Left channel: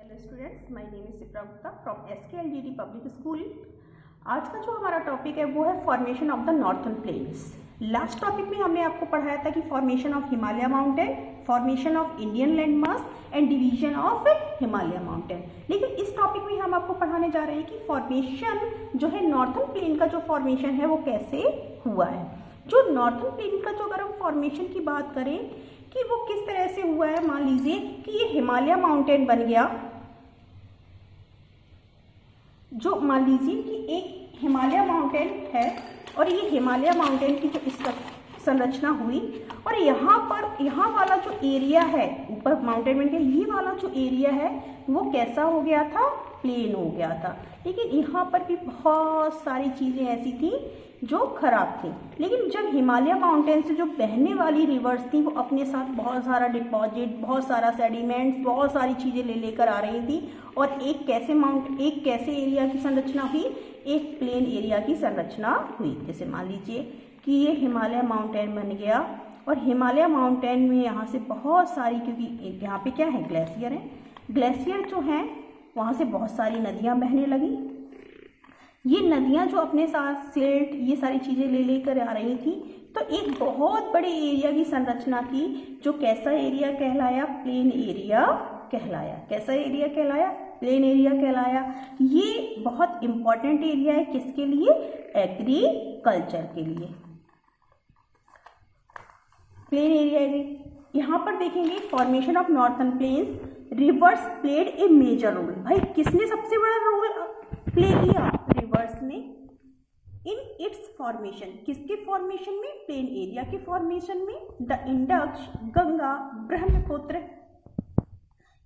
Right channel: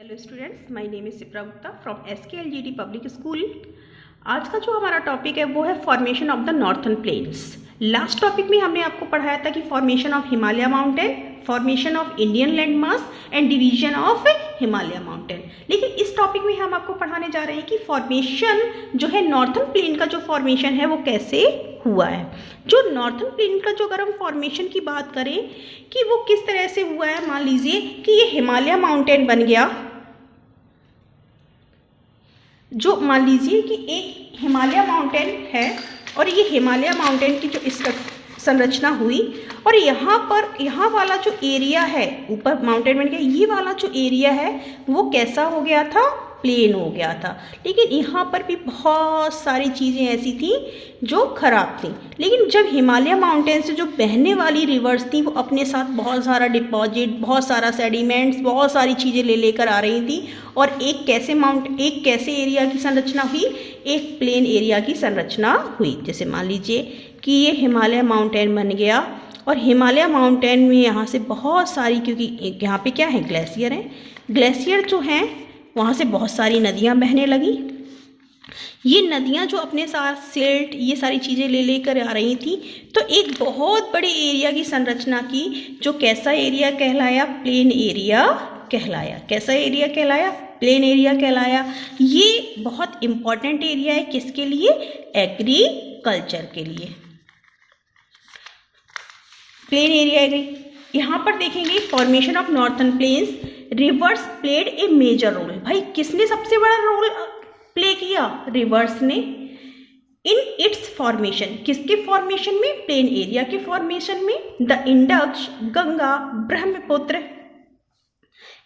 Hello students, my name is Sipra Gupta from SKLGD public school. आज का जो हमारा टॉपिक है वो है formation of the northern plains. Last topic में हमने आपको पढ़ाया था कि formation of Himalaya mountain, formation of Indian land mass and division of Himalaya mountain. लेकिन इस टॉपिक में हम आपको पढ़ाने जा रहे हैं कि फॉर्मेशन जो है नॉर्थर्न प्लेन का जो फॉर्मेशन है वो कैसे हुआ है। जो नॉर्थर्न प्लेन का जो अगर हम फॉर्मेशन की बात करें कि वो किस तरह से हुआ है, मान लीजिए कि ये हिमालय माउंटेन बन गया। जो मान लीजिए कि एक हिमालय माउंटेन है और ये हिमालय माउंटेन की जो इस संरचना हुई और यहाँ वाला जो एरिया है, ऊपर माउंटेन बन गया, ये वाला जो एरिया है वो कैसा हो गया था, प्लेन हो गया था। लेकिन यहाँ पर भी बहुत सारी चीज़ें ऐसी थी जो खराब थी। लेकिन जब हिमालय माउंटेन से जो बहने वाली रिवर्स थी वो अपने साथ बहुत सारा डिपॉजिट, बहुत सारा सेडिमेंट्स, बहुत सारी चीज़ें लेकर आ रही थी और एक कैसे एरिया की संरचना हुई, एक प्लेन एरिया की संरचना हुई। जैसे मान लीजिए कि ये हिमालय माउंटेन बन गया और हिमालय माउंटेन में यहाँ से बहुत सारी, क्योंकि यहाँ पे क्या है, ग्लेशियर है, ग्लेशियर जो हैं वहाँ से बहुत सारी नदियाँ बहने लगी। ये नदियाँ जो अपने साथ सिल्ट, ये सारी चीज़ें लेकर आ रही थी, तो एक बहुत बड़े एरिया की संरचना की, जो कैसा एरिया कहलाया, प्लेन एरिया कहलाया। कैसा एरिया कहलाया, प्लेन एरिया कहलाया। ये बहुत इम्पॉर्टेंट एरिया है किसके लिए, एग्रीकल्चर के लिए। Plain area agri. यहाँ पर देखेंगे formation of northern plains, rivers played a major role. भाई किसने सबसे बड़ा रोल प्ले किया, रिवर्स ने, इन इट्स फॉर्मेशन। किसके फॉर्मेशन में, प्लेन एरिया के फॉर्मेशन में। The Indus, Ganga, Brahmaputra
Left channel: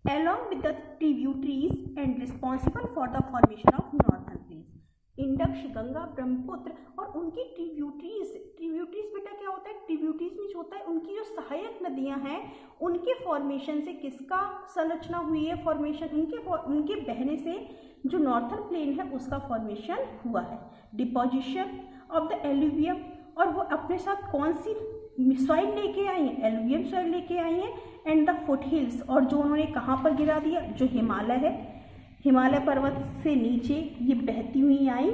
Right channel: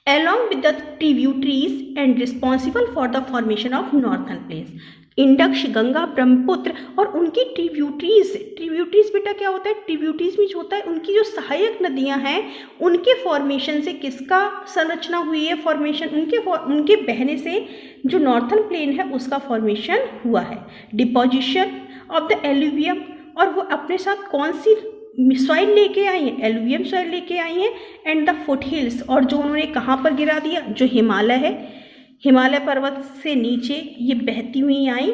along with the tributaries and responsible for the formation of northern plains। Index, Ganga, Brahmaputra और उनकी ट्रिब्यूटरीज बेटा क्या होता है, ट्रिब्यूटरीज में जो होता है उनकी जो सहायक नदियां हैं उनके फॉर्मेशन से किसका संरचना हुई है, फॉर्मेशन उनके बहने से जो नॉर्थर्न प्लेन है उसका फॉर्मेशन हुआ है। डिपोजिशन ऑफ द एलुवियम, और वो अपने साथ कौन सी सॉइल लेके आई हैं, एलुवियम सॉइल लेके आई हैं, एंड द फुट हिल्स, और जो उन्होंने कहाँ पर गिरा दिया, जो हिमालय है, हिमालय पर्वत से नीचे ये बहती हुई आई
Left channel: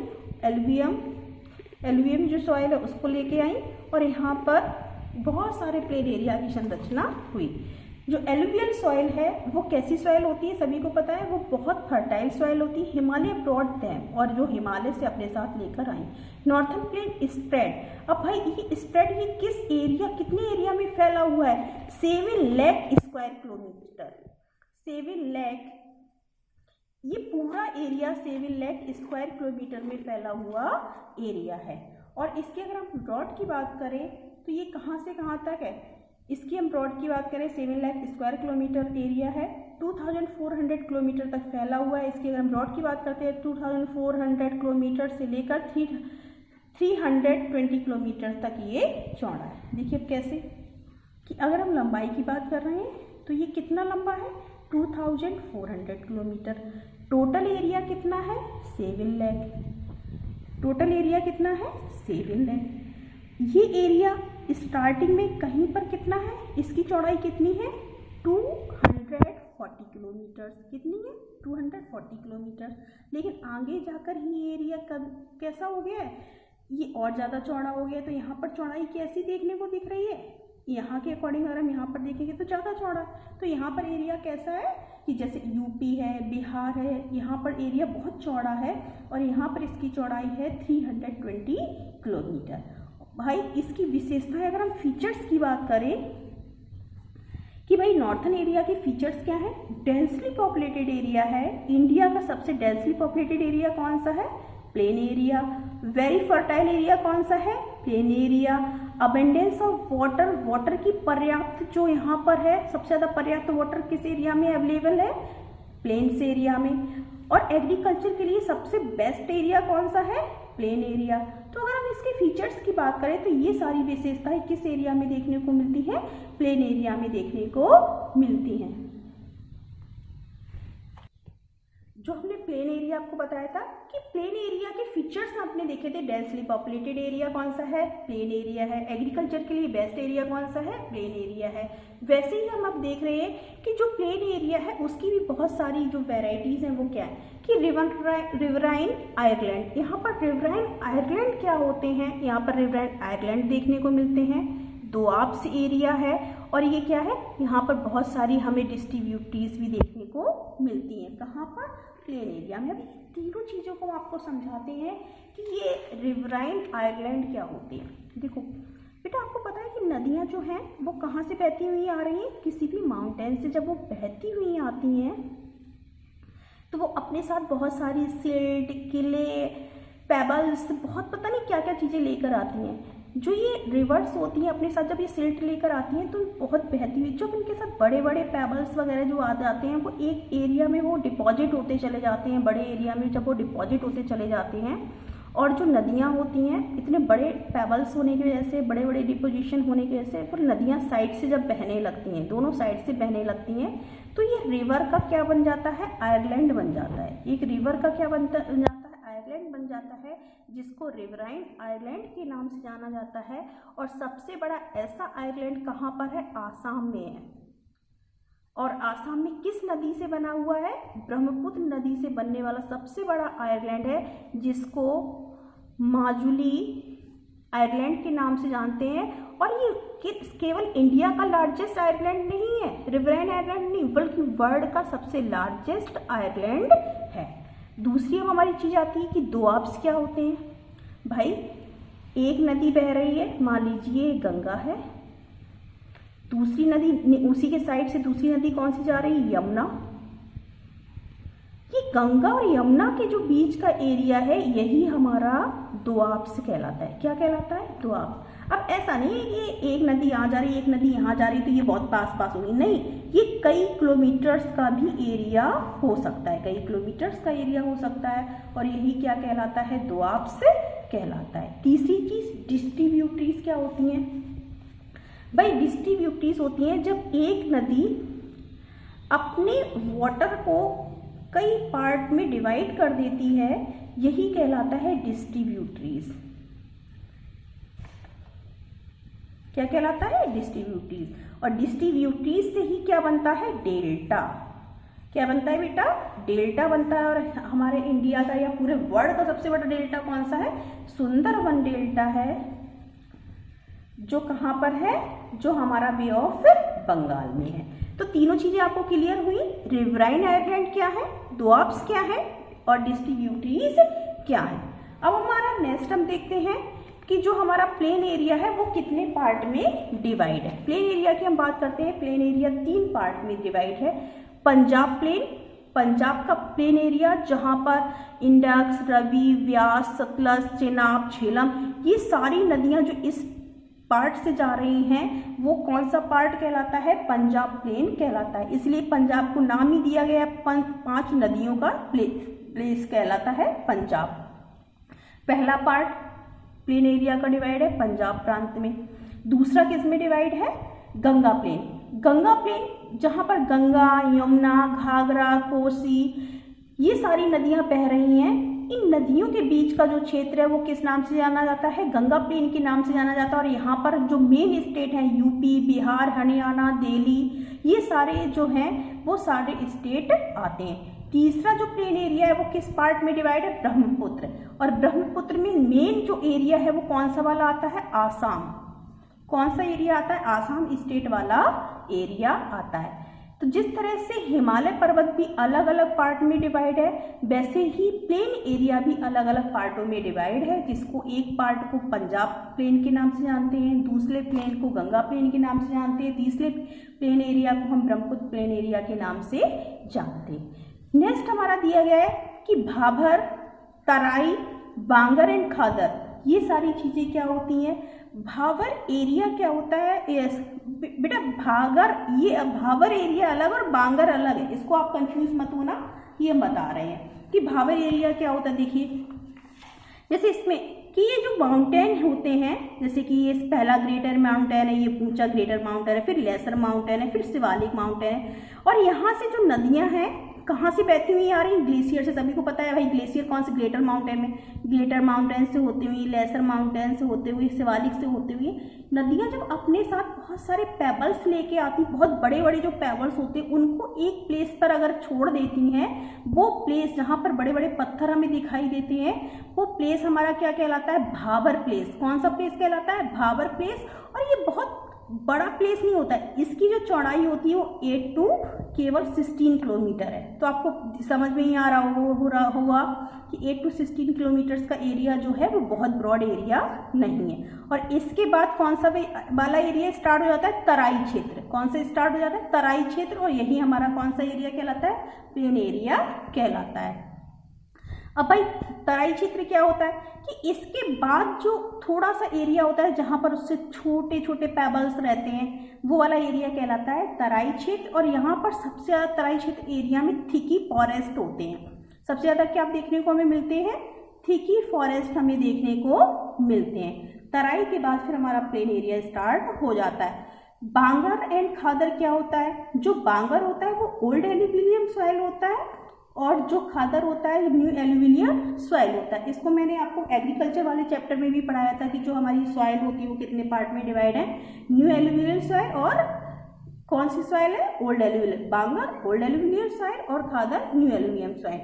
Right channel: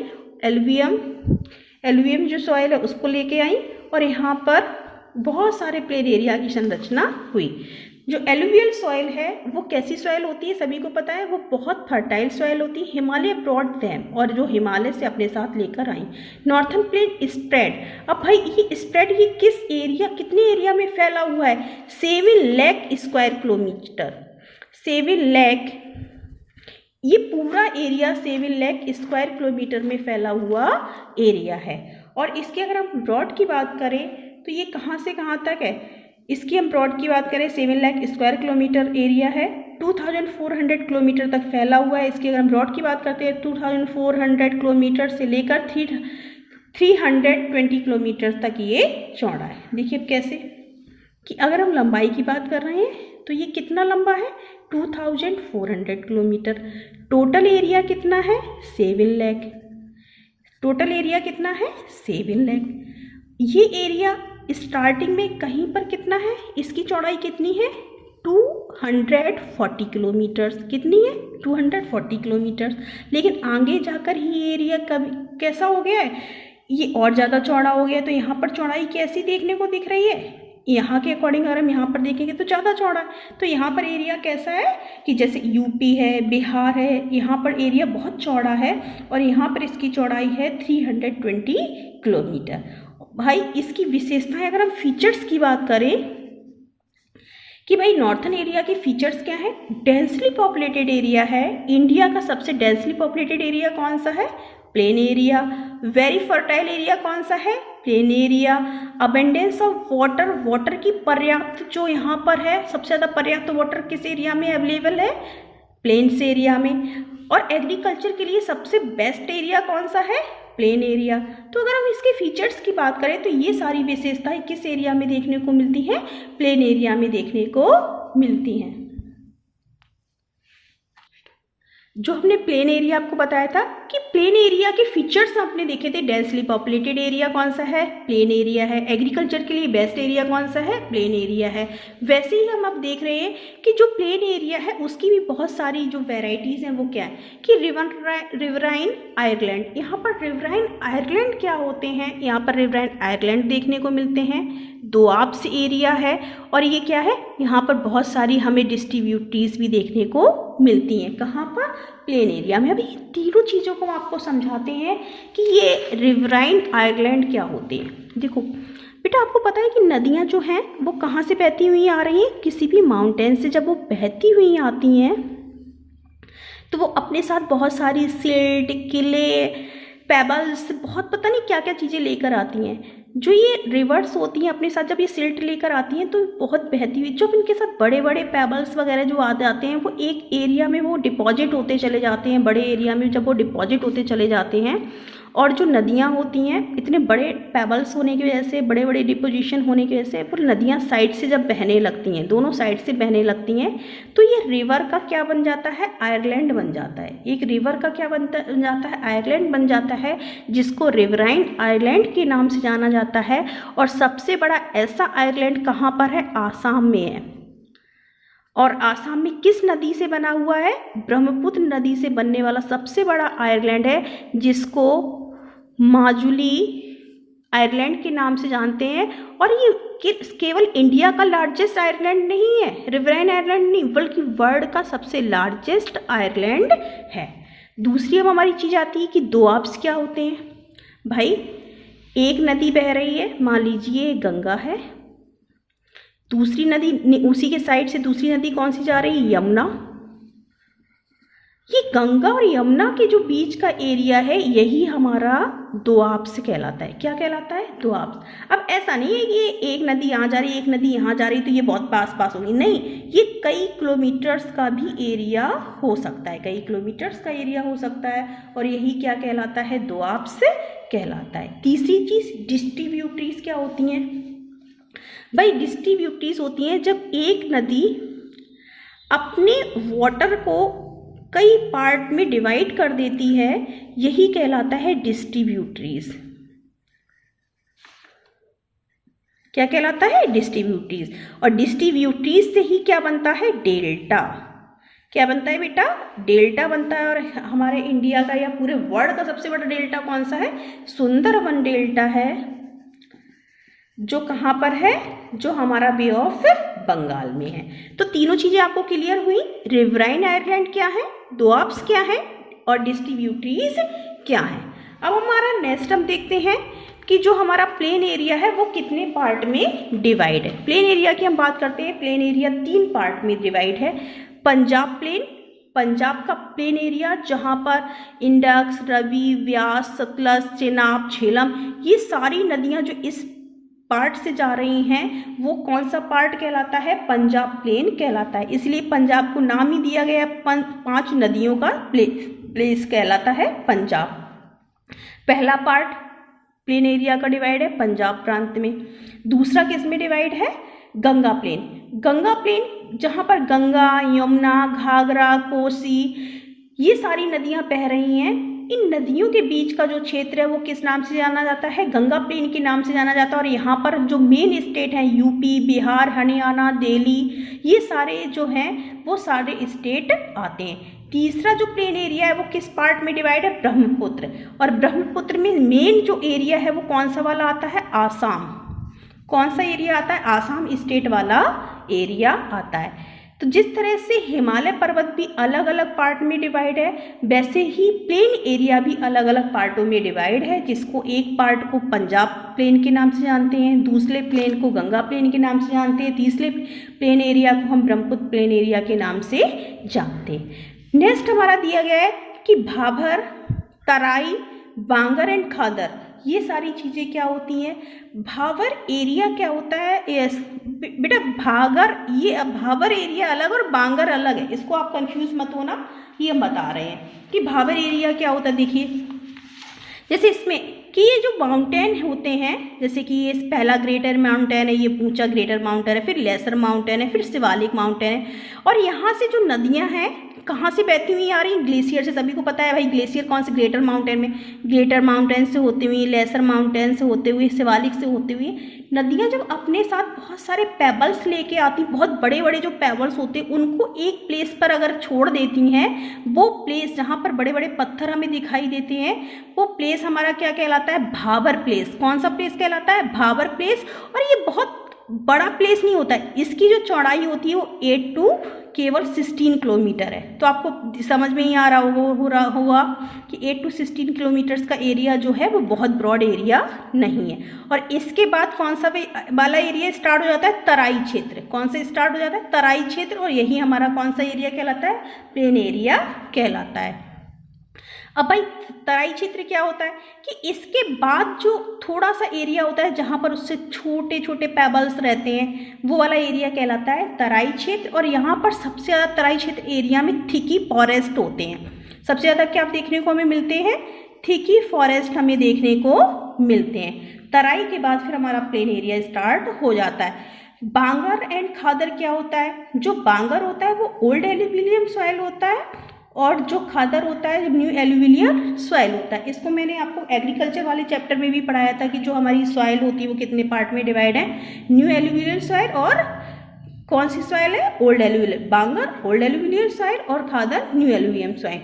एलुवियम जो सॉइल है उसको लेके आई और यहाँ पर बहुत सारे प्लेन एरिया की संरचना हुई। जो एलुवियल सॉइल है वो कैसी सॉइल होती है, सभी को पता है, वो बहुत फर्टाइल सॉइल होती है। हिमालय ब्रॉड देम, और जो हिमालय से अपने साथ लेकर आई। Northern plane spread. अब भाई ये स्प्रेड ये किस एरिया, कितने एरिया में फैला हुआ है, 7 लाख स्क्वायर किलोमीटर। 7 लाख, ये पूरा एरिया 7 लाख स्क्वायर किलोमीटर में फैला हुआ एरिया है। और इसके अगर हम ब्रॉड की बात करें तो ये कहाँ से कहाँ तक है, इसकी हम ब्रॉड की बात करें 7 लाख स्क्वायर किलोमीटर एरिया है, 2400 किलोमीटर तक फैला हुआ है। इसकी अगर हम ब्रॉड की बात करते हैं 2400 किलोमीटर से लेकर 320 किलोमीटर तक ये चौड़ा है। देखिए अब कैसे कि अगर हम लंबाई की बात कर रहे हैं तो ये कितना लंबा है, 2400 किलोमीटर। टोटल एरिया कितना है, 7 लाख। टोटल एरिया कितना है, 7 लाख। ये एरिया स्टार्टिंग में कहीं पर कितना है, इसकी चौड़ाई कितनी है, 240 किलोमीटर्स। कितनी है, 240 किलोमीटर्स। लेकिन आगे जाकर ही एरिया कैसा हो गया है, ये और ज़्यादा चौड़ा हो गया। तो यहाँ पर चौड़ाई कैसी देखने को दिख रही है, यहाँ के अकॉर्डिंग अगर हम यहाँ पर देखेंगे तो ज़्यादा चौड़ा है। तो यहाँ पर एरिया कैसा है कि जैसे यूपी है, बिहार है, यहाँ पर एरिया बहुत चौड़ा है और यहाँ पर इसकी चौड़ाई है 320 किलोमीटर। भाई इसकी विशेषताएं, अगर हम फीचर्स की बात करें कि भाई नॉर्थर्न एरिया के फीचर्स क्या है, डेंसली पॉपुलेटेड एरिया है। इंडिया का सबसे डेंसली पॉपुलेटेड एरिया कौन सा है, plain area. Very fertile area कौन सा है, plain area. Abundance of water की पर्याप्त जो यहाँ पर है, सबसे ज़्यादा पर्याप्त वाटर किस एरिया में अवेलेबल है, प्लेन्स एरिया में। और एग्रीकल्चर के लिए सबसे बेस्ट एरिया कौन सा है, प्लेन एरिया। तो अगर हम इसके फीचर्स की बात करें तो ये सारी विशेषताएं किस एरिया में देखने को मिलती है, प्लेन एरिया में देखने को मिलती हैं। जो हमने प्लेन एरिया आपको बताया था कि प्लेन एरिया के फीचर्स आपने देखे थे, डेंसली पॉपुलेटेड एरिया कौन सा है, प्लेन एरिया है। एग्रीकल्चर के लिए बेस्ट एरिया कौन सा है, प्लेन एरिया है। वैसे ही हम अब देख रहे हैं कि जो प्लेन एरिया है उसकी भी बहुत सारी जो वेराइटीज़ हैं वो क्या है कि रिवराइन आयरलैंड। यहाँ पर रिवराइन आयरलैंड क्या होते हैं, यहाँ पर रिवराइन आयरलैंड देखने को मिलते हैं। दोआब्स एरिया है और ये क्या है, यहाँ पर बहुत सारी हमें डिस्ट्रीब्यूटरीज भी देखने को मिलती हैं। कहाँ पर, प्लेन एरिया में। अभी तीनों चीज़ों को हम आपको समझाते हैं कि ये रिवराइन आयरलैंड क्या होते हैं। देखो बेटा, आपको पता है कि नदियाँ जो हैं वो कहाँ से बहती हुई आ रही हैं, किसी भी माउंटेन से जब वो बहती हुई आती हैं तो वो अपने साथ बहुत सारी सिल्ट, किले, पेबल्स, बहुत पता नहीं क्या क्या चीज़ें लेकर आती हैं। जो ये रिवर्स होती हैं अपने साथ, जब ये सिल्ट लेकर आती हैं तो बहुत बहती हुई, जब इनके साथ बड़े बड़े पेबल्स वगैरह जो आ जाते हैं वो एक एरिया में वो डिपॉजिट होते चले जाते हैं। बड़े एरिया में जब वो डिपॉजिट होते चले जाते हैं और जो नदियाँ होती हैं इतने बड़े पेबल्स होने की वजह से, बड़े बड़े डिपोजिशन होने की वजह से वो नदियाँ साइड से जब बहने लगती हैं, दोनों साइड से बहने लगती हैं तो ये रिवर का क्या बन जाता है, आयरलैंड बन जाता है। एक रिवर का क्या बन जाता है, आयरलैंड बन जाता है, जिसको रिवराइन आयरलैंड के नाम से जाना जाता है। और सबसे बड़ा ऐसा आयरलैंड कहाँ पर है, आसाम में है। और आसाम में किस नदी से बना हुआ है, ब्रह्मपुत्र नदी से बनने वाला सबसे बड़ा आयरलैंड है, जिसको माजुली आयरलैंड के नाम से जानते हैं। और ये केवल इंडिया का लार्जेस्ट आयरलैंड नहीं है, रिवराइन आयरलैंड नहीं, बल्कि वर्ल्ड का सबसे लार्जेस्ट आयरलैंड है। दूसरी अब हमारी चीज़ आती है कि दोआब्स क्या होते हैं। भाई एक नदी बह रही है, मान लीजिए गंगा है, दूसरी नदी उसी के साइड से दूसरी नदी कौन सी जा रही है, यमुना। ये गंगा और यमुना के जो बीच का एरिया है यही हमारा दोआब्स कहलाता है। क्या कहलाता है, दोआब्स। अब ऐसा नहीं है कि एक नदी यहाँ जा रही है, एक नदी यहाँ जा रही है तो ये बहुत पास पास होगी, नहीं, ये कई किलोमीटर्स का भी एरिया हो सकता है, कई किलोमीटर्स का एरिया हो सकता है और यही क्या कहलाता है, दोआब्स कहलाता है। तीसरी चीज़ डिस्ट्रीब्यूटरीज क्या होती हैं। भाई डिस्ट्रीब्यूटरीज होती हैं जब एक नदी अपने वाटर को कई पार्ट में डिवाइड कर देती है, यही कहलाता है डिस्ट्रीब्यूटरीज। क्या कहलाता है, डिस्ट्रीब्यूटरीज। और डिस्ट्रीब्यूटरीज से ही क्या बनता है, डेल्टा। क्या बनता है बेटा, डेल्टा बनता है। और हमारे इंडिया का या पूरे वर्ल्ड का सबसे बड़ा डेल्टा कौन सा है, सुंदरबन डेल्टा है, जो कहाँ पर है, जो हमारा बे ऑफ बंगाल में है। तो तीनों चीज़ें आपको क्लियर हुई, रिवराइन आयरलैंड क्या है, दोआब्स क्या है और डिस्ट्रीब्यूटरीज क्या है। अब हमारा नेक्स्ट हम देखते हैं कि जो हमारा प्लेन एरिया है वो कितने पार्ट में डिवाइड है। प्लेन एरिया की हम बात करते हैं, प्लेन एरिया 3 पार्ट में डिवाइड है। पंजाब प्लेन, पंजाब का प्लेन एरिया जहाँ पर इंडस, रवि, व्यास, सतलज, चेनाब, झेलम, ये सारी नदियाँ जो इस पार्ट से जा रही हैं वो कौन सा पार्ट कहलाता है, पंजाब प्लेन कहलाता है। इसलिए पंजाब को नाम ही दिया गया, 5 नदियों का प्लेस कहलाता है पंजाब। पहला पार्ट प्लेन एरिया का डिवाइड है पंजाब प्रांत में। दूसरा किस में डिवाइड है, गंगा प्लेन। गंगा प्लेन जहाँ पर गंगा, यमुना, घाघरा, कोसी, ये सारी नदियाँ बह रही हैं, इन नदियों के बीच का जो क्षेत्र है वो किस नाम से जाना जाता है, गंगा प्लेन के नाम से जाना जाता है। और यहाँ पर जो मेन स्टेट हैं यूपी, बिहार, हरियाणा, दिल्ली, ये सारे जो हैं वो सारे स्टेट आते हैं। तीसरा जो प्लेन एरिया है वो किस पार्ट में डिवाइड है, ब्रह्मपुत्र। और ब्रह्मपुत्र में मेन जो एरिया है वो कौन सा वाला आता है, आसाम। कौन सा एरिया आता है, आसाम स्टेट वाला एरिया आता है। तो जिस तरह से हिमालय पर्वत भी अलग अलग पार्ट में डिवाइड है, वैसे ही प्लेन एरिया भी अलग अलग पार्टों में डिवाइड है, जिसको एक पार्ट को पंजाब प्लेन के नाम से जानते हैं, दूसरे प्लेन को गंगा प्लेन के नाम से जानते हैं, तीसरे प्लेन एरिया को हम ब्रह्मपुत्र प्लेन एरिया के नाम से जानते हैं। नेक्स्ट हमारा दिया गया है कि भाभर, तराई, बांगर एंड खादर, ये सारी चीज़ें क्या होती हैं। भावर एरिया क्या होता है, बेटा भागर, ये भावर एरिया अलग और बांगर अलग है, इसको आप कंफ्यूज मत होना, ये हम बता रहे हैं कि भावर एरिया क्या होता है। देखिए जैसे इसमें कि ये जो माउंटेन होते हैं, जैसे कि ये पहला ग्रेटर माउंटेन है, ये ऊंचा ग्रेटर माउंटेन है, फिर लेसर माउंटेन है, फिर शिवालिक माउंटेन है, और यहाँ से जो नदियाँ हैं कहाँ से बहती हुई आ रही हैं? ग्लेशियर से। सभी को पता है भाई ग्लेशियर कौन से, ग्रेटर माउंटेन में, ग्रेटर माउंटेन से होते हुए, लेसर माउंटेन से होते हुए, शिवालिक से होते हुए। नदियाँ जब अपने साथ बहुत सारे पेबल्स लेके आती, बहुत बड़े बड़े जो पेबल्स होते हैं उनको एक प्लेस पर अगर छोड़ देती हैं, वो प्लेस जहाँ पर बड़े बड़े पत्थर हमें दिखाई देते हैं, वो प्लेस हमारा क्या कहलाता है? भाबर प्लेस। कौन सा प्लेस कहलाता है? भाबर प्लेस। और ये बहुत बड़ा प्लेस नहीं होता है, इसकी जो चौड़ाई होती है वो 8 टू केवल 16 किलोमीटर है। तो आपको समझ में ही आ रहा होगा कि 8 टू 16 किलोमीटर्स का एरिया जो है वो बहुत ब्रॉड एरिया नहीं है। और इसके बाद कौन सा वाला एरिया स्टार्ट हो जाता है? तराई क्षेत्र। कौन सा स्टार्ट हो जाता है? तराई क्षेत्र। और यही हमारा कौन सा एरिया कहलाता है? प्लेन एरिया कहलाता है। अब भाई तराई क्षेत्र क्या होता है कि इसके बाद जो थोड़ा सा एरिया होता है जहाँ पर उससे छोटे छोटे पेबल्स रहते हैं, वो वाला एरिया कहलाता है तराई क्षेत्र। और यहाँ पर सबसे ज़्यादा तराई क्षेत्र एरिया में थिकी फॉरेस्ट होते हैं। सबसे ज़्यादा क्या देखने को हमें मिलते हैं? थिकी फॉरेस्ट हमें देखने को मिलते हैं। तराई के बाद फिर हमारा प्लेन एरिया स्टार्ट हो जाता है। बांगर एंड खादर क्या होता है? जो बांगर होता है वो ओल्ड एल्यूविलियम सॉइल होता है, और जो खादर होता है न्यू एल्यूविलियल सॉइल होता है। इसको मैंने आपको एग्रीकल्चर वाले चैप्टर में भी पढ़ाया था कि जो हमारी सॉइल होती है वो कितने पार्ट में डिवाइड है? न्यू एल्यूविलियल सॉइल और कौन सी सॉइल है? ओल्ड एल्यूविलियल। बांगर ओल्ड एल्यूविलियल सॉइल और खादर न्यू एल्यूविलियम सॉइल।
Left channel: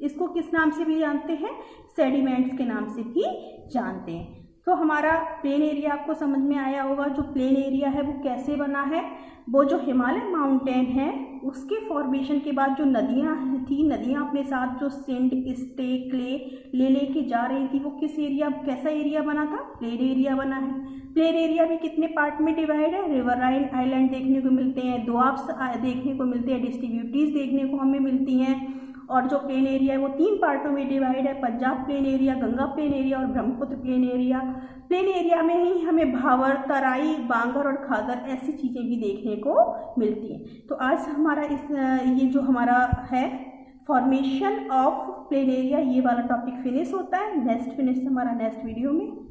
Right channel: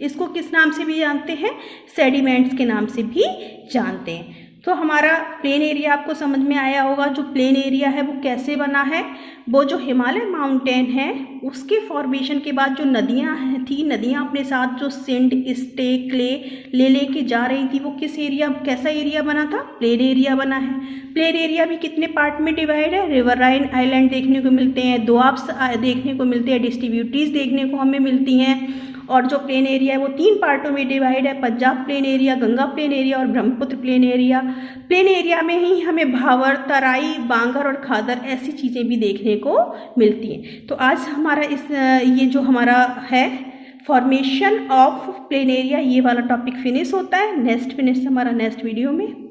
इसको किस नाम से भी जानते हैं? सेडिमेंट्स के नाम से भी जानते हैं। तो हमारा प्लेन एरिया आपको समझ में आया होगा। जो प्लेन एरिया है वो कैसे बना है? वो जो हिमालय माउंटेन है उसके फॉर्मेशन के बाद जो नदियाँ थी, नदियाँ अपने साथ जो सिंड, स्टे, क्ले लेके जा रही थी, वो किस एरिया, कैसा एरिया बना था? प्लेन एरिया बना है। प्लेन एरिया भी कितने पार्ट में डिवाइड है? रिवराइन आइलैंड देखने को मिलते हैं, दोआब्स देखने को मिलते हैं, डिस्ट्रीब्यूटीज देखने को हमें मिलती हैं। और जो प्लेन एरिया है वो 3 पार्टों में डिवाइड है, Punjab plain area, Ganga plain area और Brahmaputra plain area. Plain area में ही हमें भावर, तराई, बांगर और खादर ऐसी चीज़ें भी देखने को मिलती हैं। तो आज हमारा ये जो हमारा है फॉर्मेशन ऑफ प्लेन एरिया, ये वाला टॉपिक फिनिश होता है। नेक्स्ट हमारा नेक्स्ट वीडियो में।